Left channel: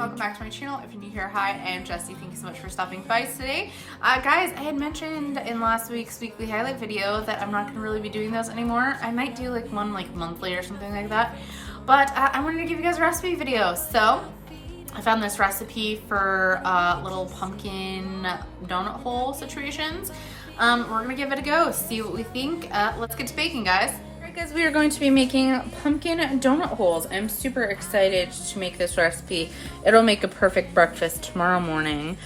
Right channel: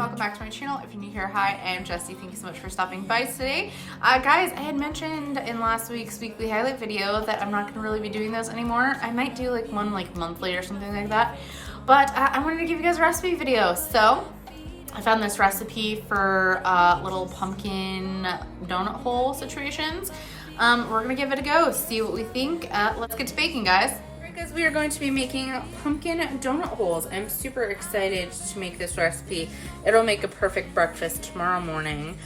welcome back to my channel. If you're new here, hi, I am Jessie. Thank you so much for stopping by today. Guys, I had mentioned in last week's weekly highlight video that I'm not going to really be doing those anymore. I might do like one like monthly or something like that, but I wanted to give you guys a recipe video. So I found this recipe for little pumpkin donut hole situations. We're going to give it a go, see what we think. Let's get to baking, guys. Because we are going to be making pumpkin donut holes. I'm super excited to make this recipe. It'll make a perfect breakfast tomorrow morning.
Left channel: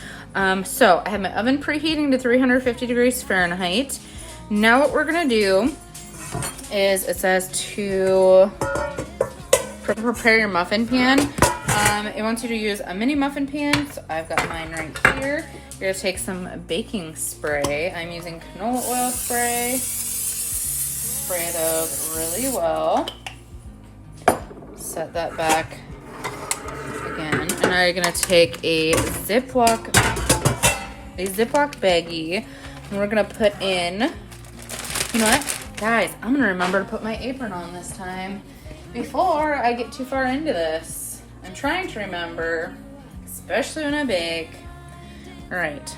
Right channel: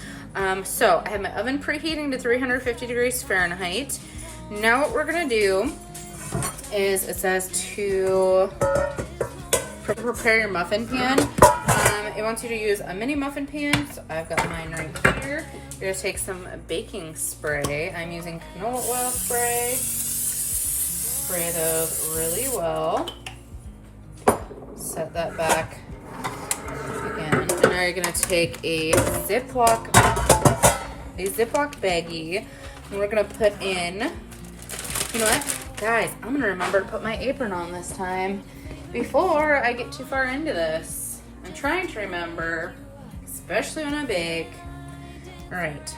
So I have my oven preheating to 350 degrees Fahrenheit. Now what we're gonna do is, it says to prepare your muffin pan. It wants you to use a mini muffin pan. So I've got mine right here. You're gonna take some baking spray. I'm using canola oil spray. Spray those really well. Set that back again. And now you're gonna take a Ziploc baggie, and we're gonna put in, you know what, guys, I'm gonna remember to put my apron on this time before I get too far into this. I'm trying to remember, especially when I bake. All right,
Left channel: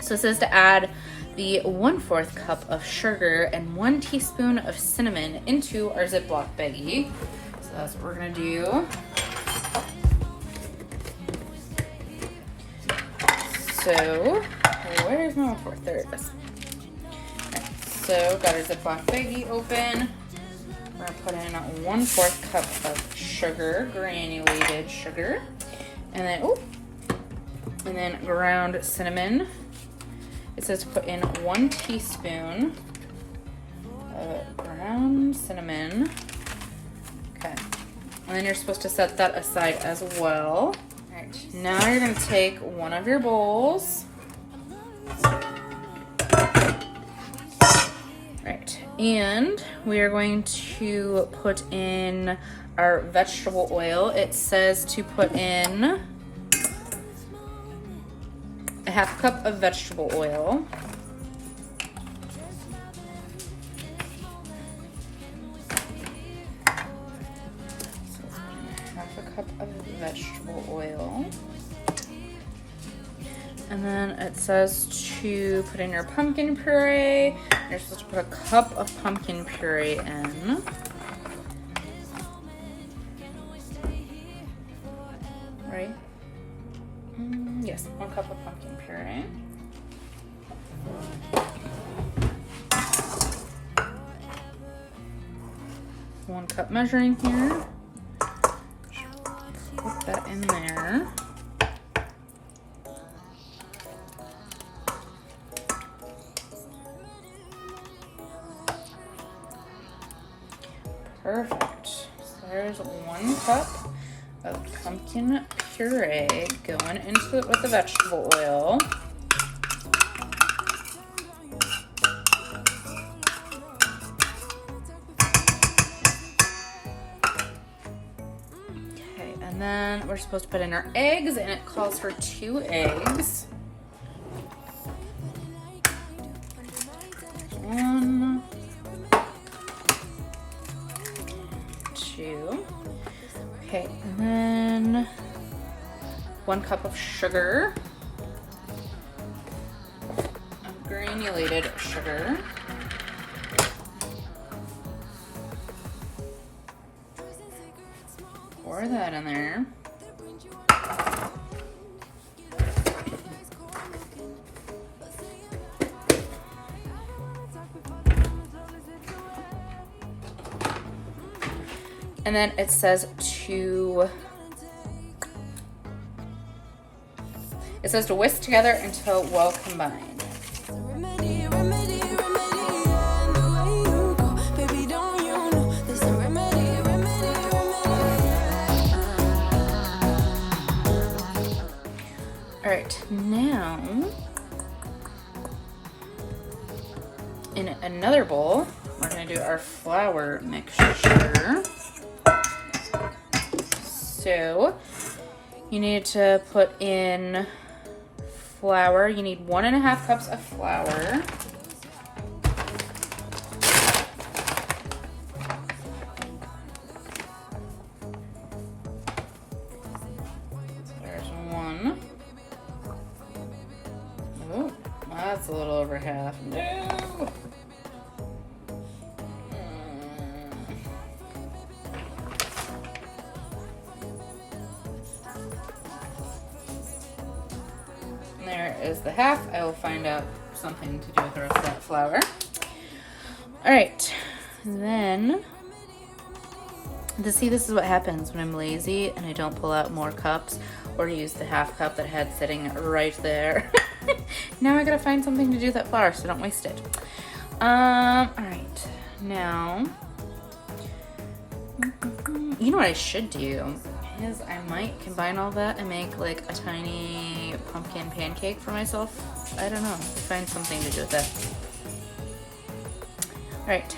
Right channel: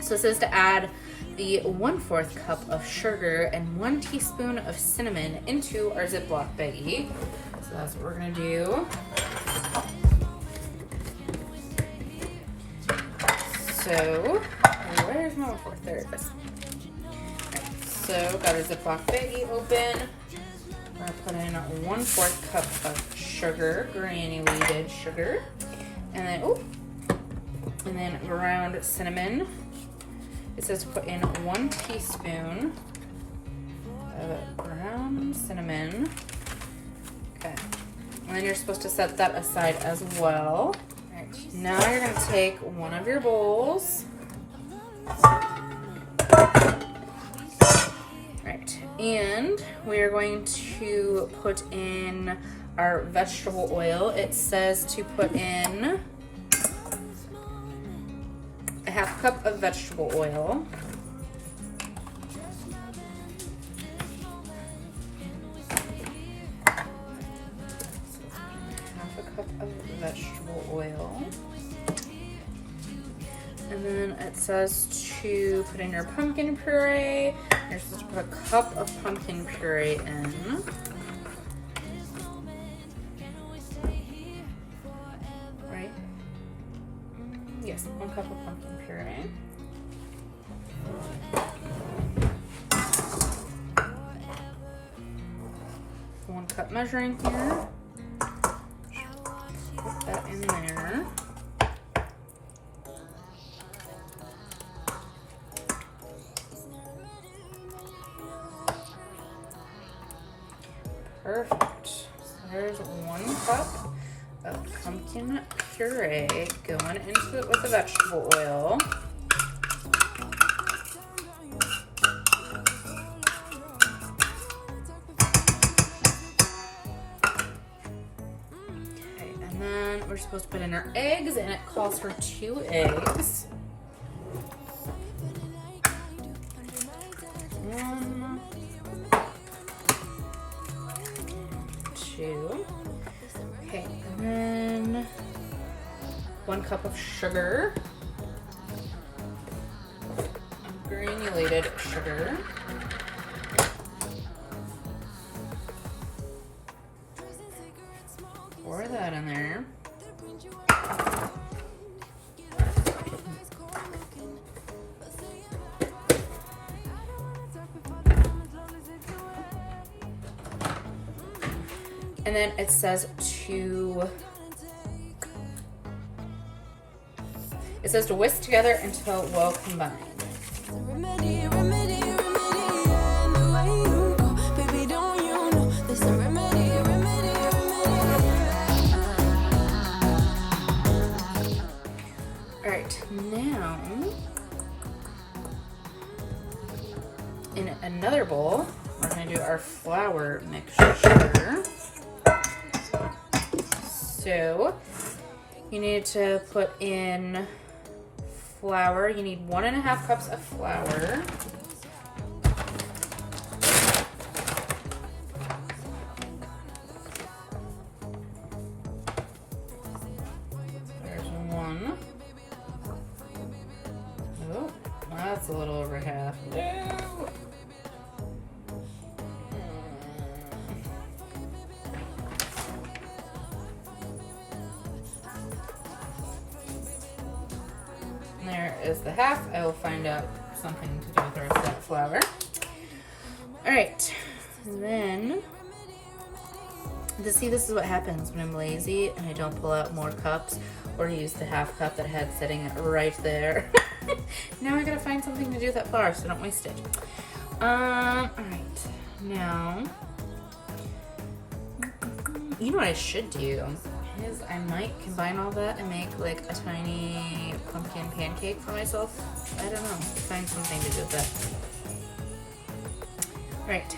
so it says to add the 1/4 cup of sugar and 1 teaspoon of cinnamon into our Ziploc baggie. So that's what we're gonna do. So, where's my 1/4? There it is. So, got our Ziploc baggie open. We're gonna put in 1/4 cup of sugar, granulated sugar, and then ground cinnamon. It says to put in 1 teaspoon of ground cinnamon. Okay. And then you're supposed to set that aside as well. Alright, now you're going to take one of your bowls. Right, and we are going to put in our vegetable oil. It says to put in a 1/2 cup of vegetable oil. Half a cup of vegetable oil. And then it says to put in your pumpkin puree. You're supposed to put a cup of pumpkin puree in. Right? Yes, 1 cup of pumpkin puree. One cup measuring here. Put that in there. Perfect. So there's 1 cup of pumpkin puree going into it with the vegetable oil. Okay, and then we're supposed to put in our eggs, and it calls for 2 eggs. 1, 2. Okay, and then 1 cup of sugar, granulated sugar. Pour that in there. And then it says to whisk together until well combined. Alright, now in another bowl, we're going to do our flour mixture. So you need to put in flour. You need 1.5 cups of flour. that's a little over half. No. There is the half. I will find out something to do with the rest of that flour. Alright, then, see, this is what happens when I'm lazy and I don't pull out more cups or use the half cup that I had sitting right there. Now I gotta find something to do with that flour so I don't waste it. Alright, now, you know what I should do is I might combine all that and make like a tiny pumpkin pancake for myself. I don't know, find something to do with that. Alright.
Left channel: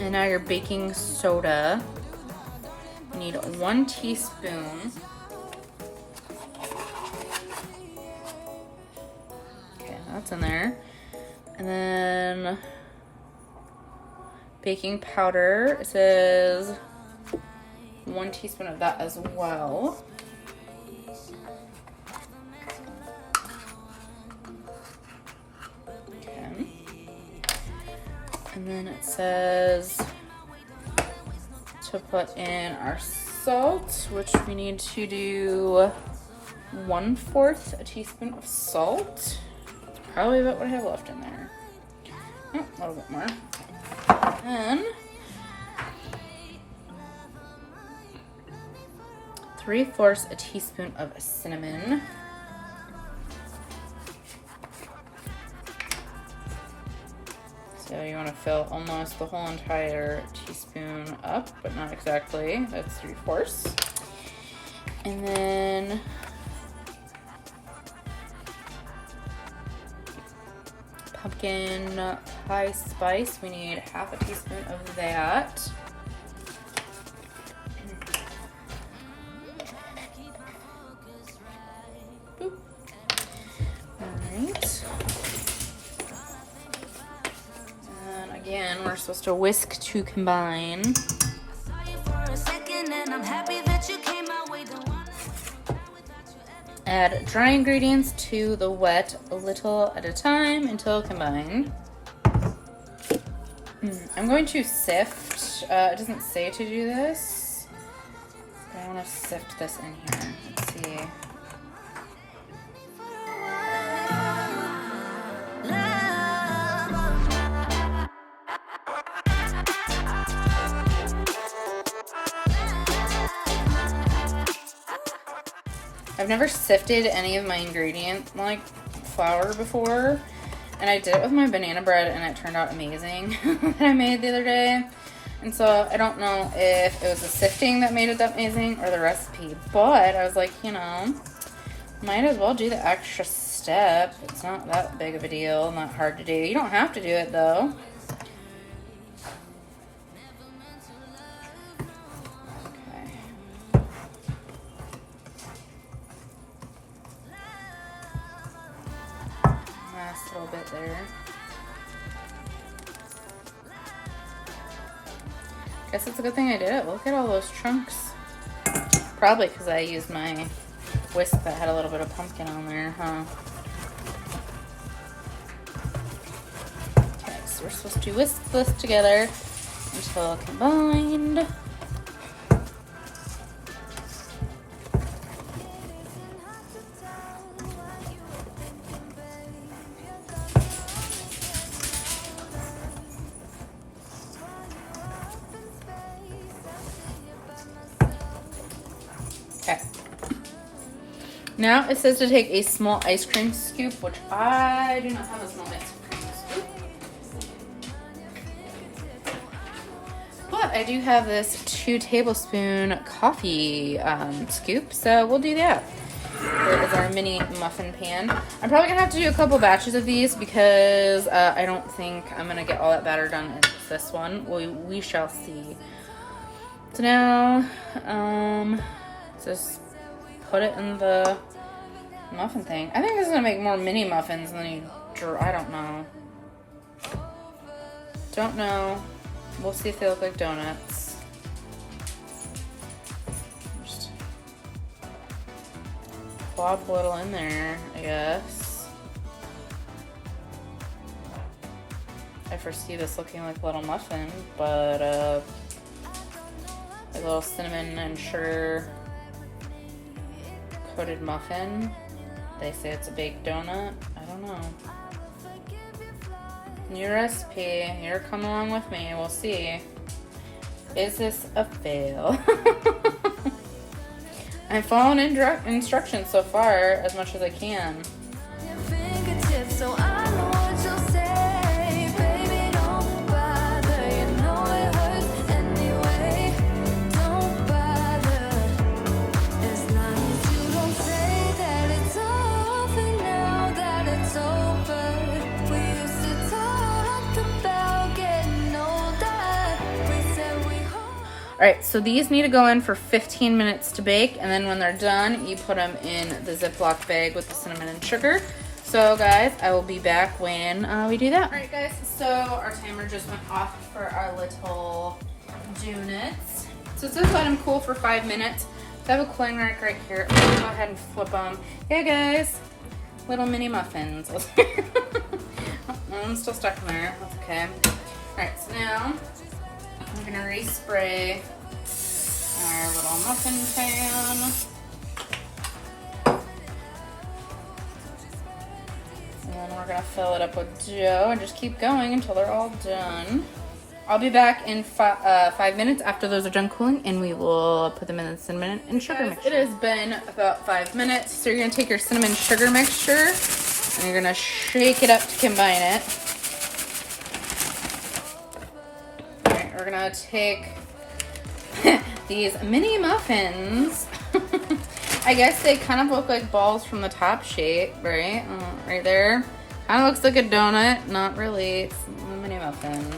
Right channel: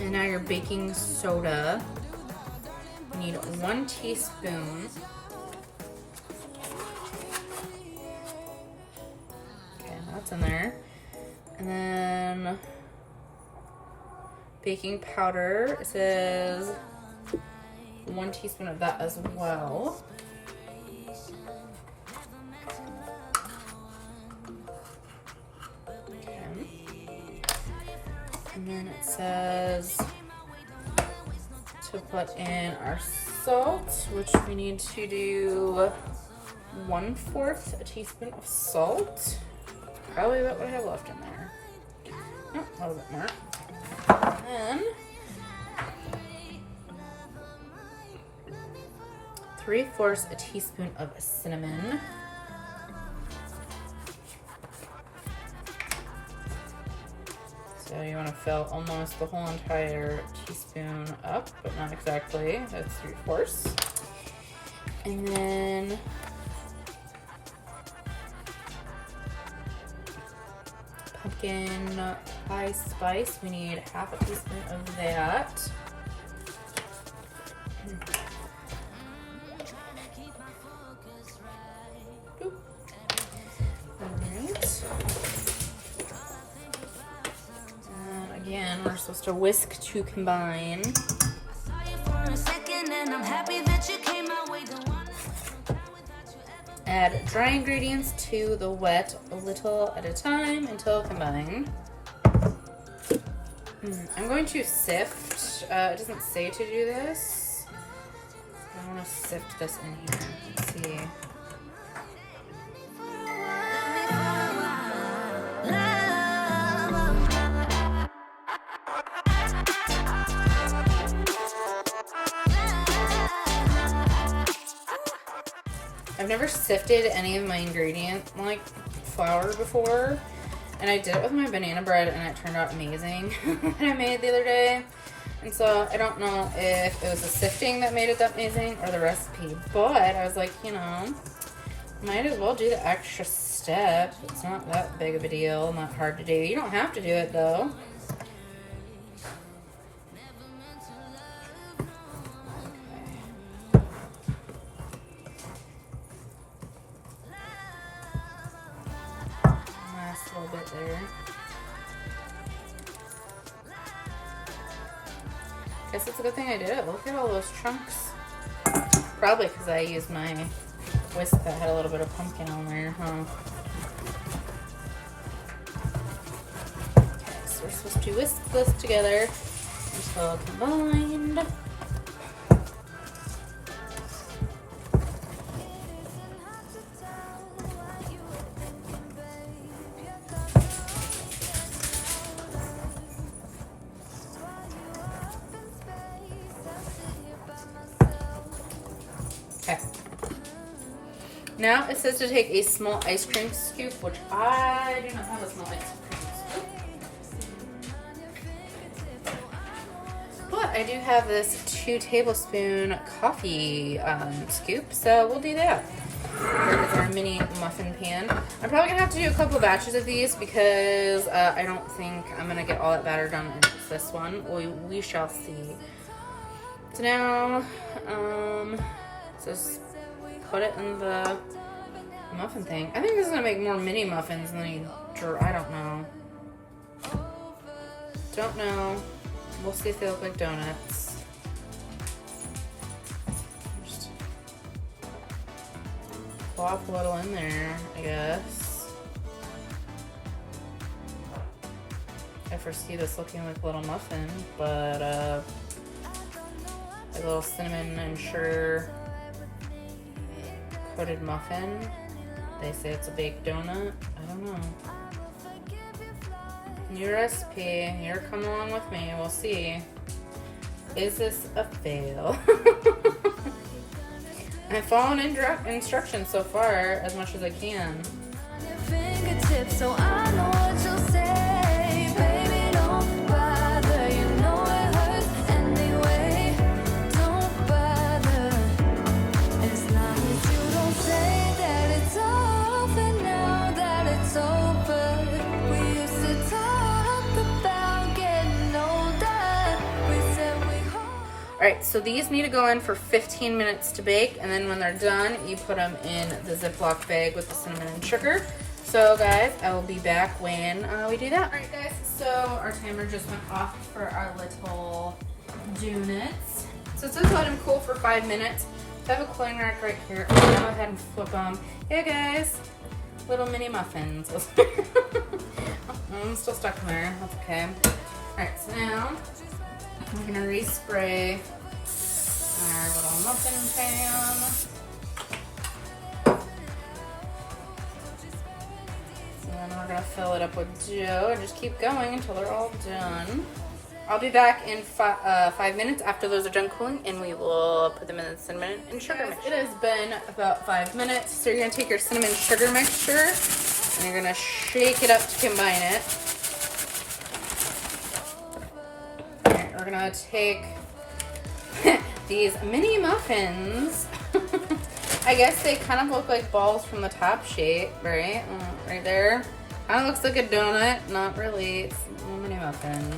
And now your baking soda. You need 1 teaspoon. Okay, that's in there. And then baking powder. It says 1 teaspoon of that as well. And then it says to put in our salt, which we need to do 1/4 a teaspoon of salt. Probably what we have left in there. Oh, a little bit more. And 3/4 a teaspoon of cinnamon. So you want to fill almost the whole entire teaspoon up, but not exactly. That's 3/4. And then pumpkin pie spice. We need 1/2 a teaspoon of that. Again, we're supposed to whisk to combine. Add dry ingredients to the wet a little at a time until combined. I'm going to sift. It doesn't say to do this. But I want to sift this in here. Let's see. I've never sifted any of my ingredient like flour before, and I did it with my banana bread and it turned out amazing that I made the other day. And so I don't know if it was the sifting that made it that amazing or the recipe, but I was like, you know, might as well do the extra step. It's not that big of a deal, not hard to do. You don't have to do it though. Guess it's a good thing I did it. Look at all those chunks. Probably because I used my whisk that had a little bit of pumpkin on there, huh? Okay, so we're supposed to whisk this together until combined. Okay. Now it says to take a small ice cream scoop, which I do not have a small ice cream scoop. But I do have this 2 tablespoon coffee scoop, so we'll do that. With our mini muffin pan. I'm probably gonna have to do a couple batches of these because I don't think I'm gonna get all that batter done in this one. We shall see. So now, just put it in the muffin thing. I think this is gonna make more mini muffins than you. I don't know. Don't know. We'll see if they look like donuts. Just plop a little in there, I guess. foresee this looking like a little muffin, but a little cinnamon and sugar coated muffin. They say it's a baked donut. I don't know. New recipe. You're coming along with me. We'll see. Is this a fail? I'm following instructions so far as much as I can. So I know what you'll say, baby, don't bother. You know it hurts anyway. Don't bother. As long as you don't say that it's over now that it's over. We used to talk about getting older. We said we hope. Alright, so these need to go in for 15 minutes to bake, and then when they're done, you put them in the Ziploc bag with the cinnamon and sugar. So guys, I will be back when we do that. Alright guys, so our timer just went off for our little donuts. So it says let them cool for 5 minutes. So I have a cooling rack right here. I'm gonna go ahead and flip them. Hey guys, little mini muffins. I'm still stuck in there, that's okay. Alright, so now I'm gonna respray our little muffin pan. Fill it up with dough and just keep going until they're all done. I'll be back in 5 minutes after those are done cooling, and we will put them in the cinnamon and sugar mixture. It has been about 5 minutes, so you're going to take your cinnamon sugar mixture and you're going to shake it up to combine it. Alright, we're going to take these mini muffins. I guess they kind of look like balls from the top shape, right? Right there. Kind of looks like a donut. Not really. It's a mini muffin.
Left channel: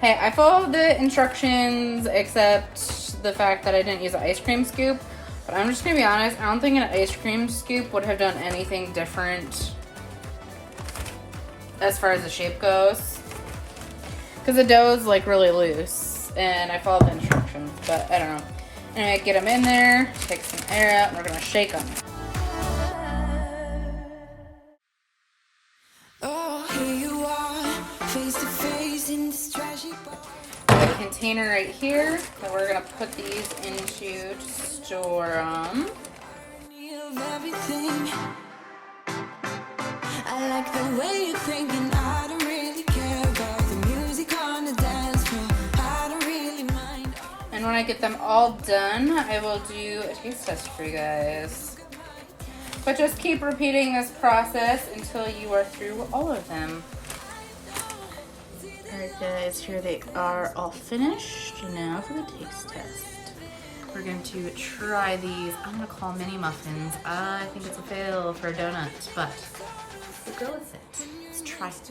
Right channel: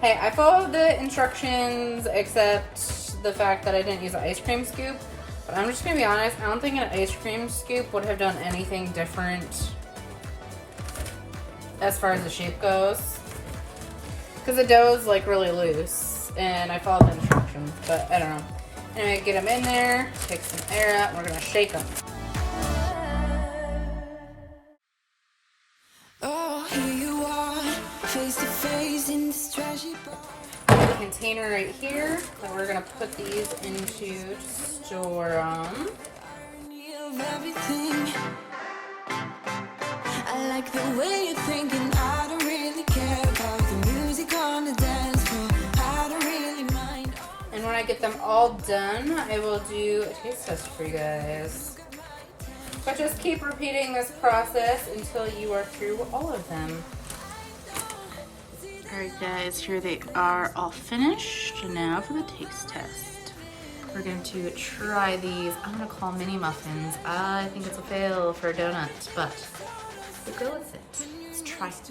Hey, I followed the instructions except the fact that I didn't use an ice cream scoop. But I'm just going to be honest. I don't think an ice cream scoop would have done anything different as far as the shape goes. Because the dough is like really loose. And I followed the instructions. But I don't know. Anyway, get them in there. Take some air out. And we're going to shake them. Here you are, face to face in this trashy bar. A container right here that we're gonna put these into to store them. Of everything. I like the way you're thinking. I don't really care about the music on the dance floor. I don't really mind. And when I get them all done, I will do a taste test for you guys. But just keep repeating this process until you are through all of them. Alright guys, here they are all finished. Now for the taste test. We're going to try these. I'm going to call mini muffins. I think it's a fail for donuts, but we'll go with it. Let's try it.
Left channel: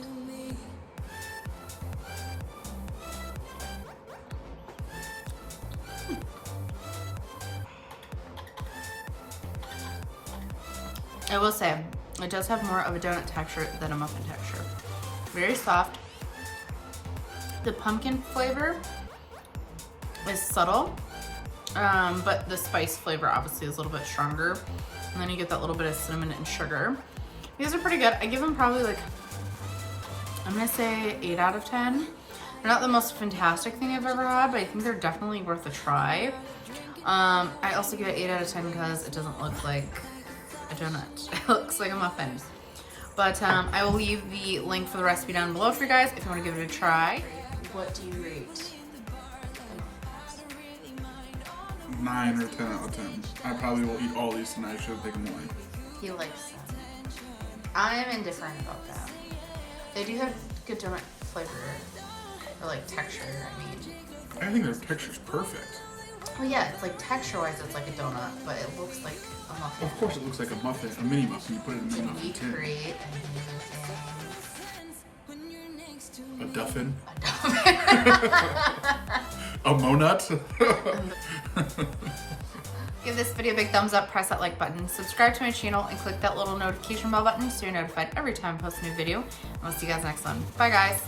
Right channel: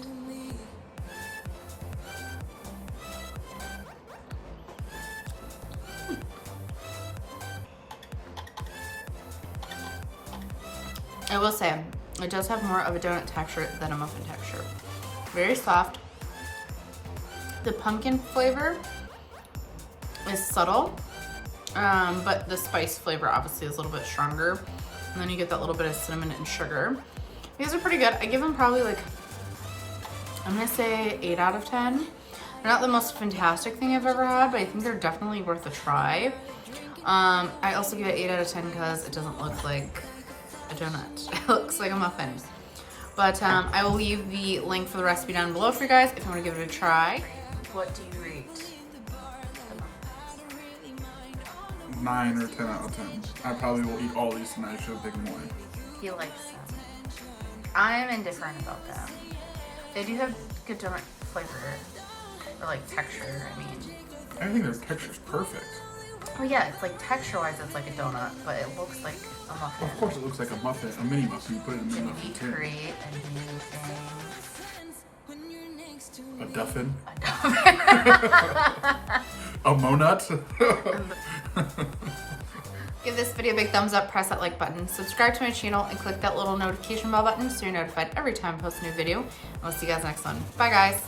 I will say, it does have more of a donut texture than a muffin texture. Very soft. The pumpkin flavor is subtle, but the spice flavor obviously is a little bit stronger. And then you get that little bit of cinnamon and sugar. These are pretty good. I give them probably like, I'm gonna say 8 out of 10. They're not the most fantastic thing I've ever had, but I think they're definitely worth a try. I also give it 8 out of 10 because it doesn't look like a donut. It looks like a muffin. But I will leave the link for the recipe down below for you guys if you want to give it a try. What do you rate? 9 or 10 out of 10. I probably will eat all these tonight. I should have taken more. He likes them. I am indifferent about them. They do have good donut flavor, or like texture, I mean. I think their texture's perfect. Well, yeah, it's like texture-wise, it's like a donut, but it looks like a muffin. Of course, it looks like a muffin, a mini muffin. You put it in a mini Can muffin we tin. create a new thing? A duffin? A duffin. A monut? Give this video a big thumbs up, press that like button, subscribe to my channel, and click that little notification bell button so you're notified every time I post a new video. And we'll see you guys next one. Bye, guys.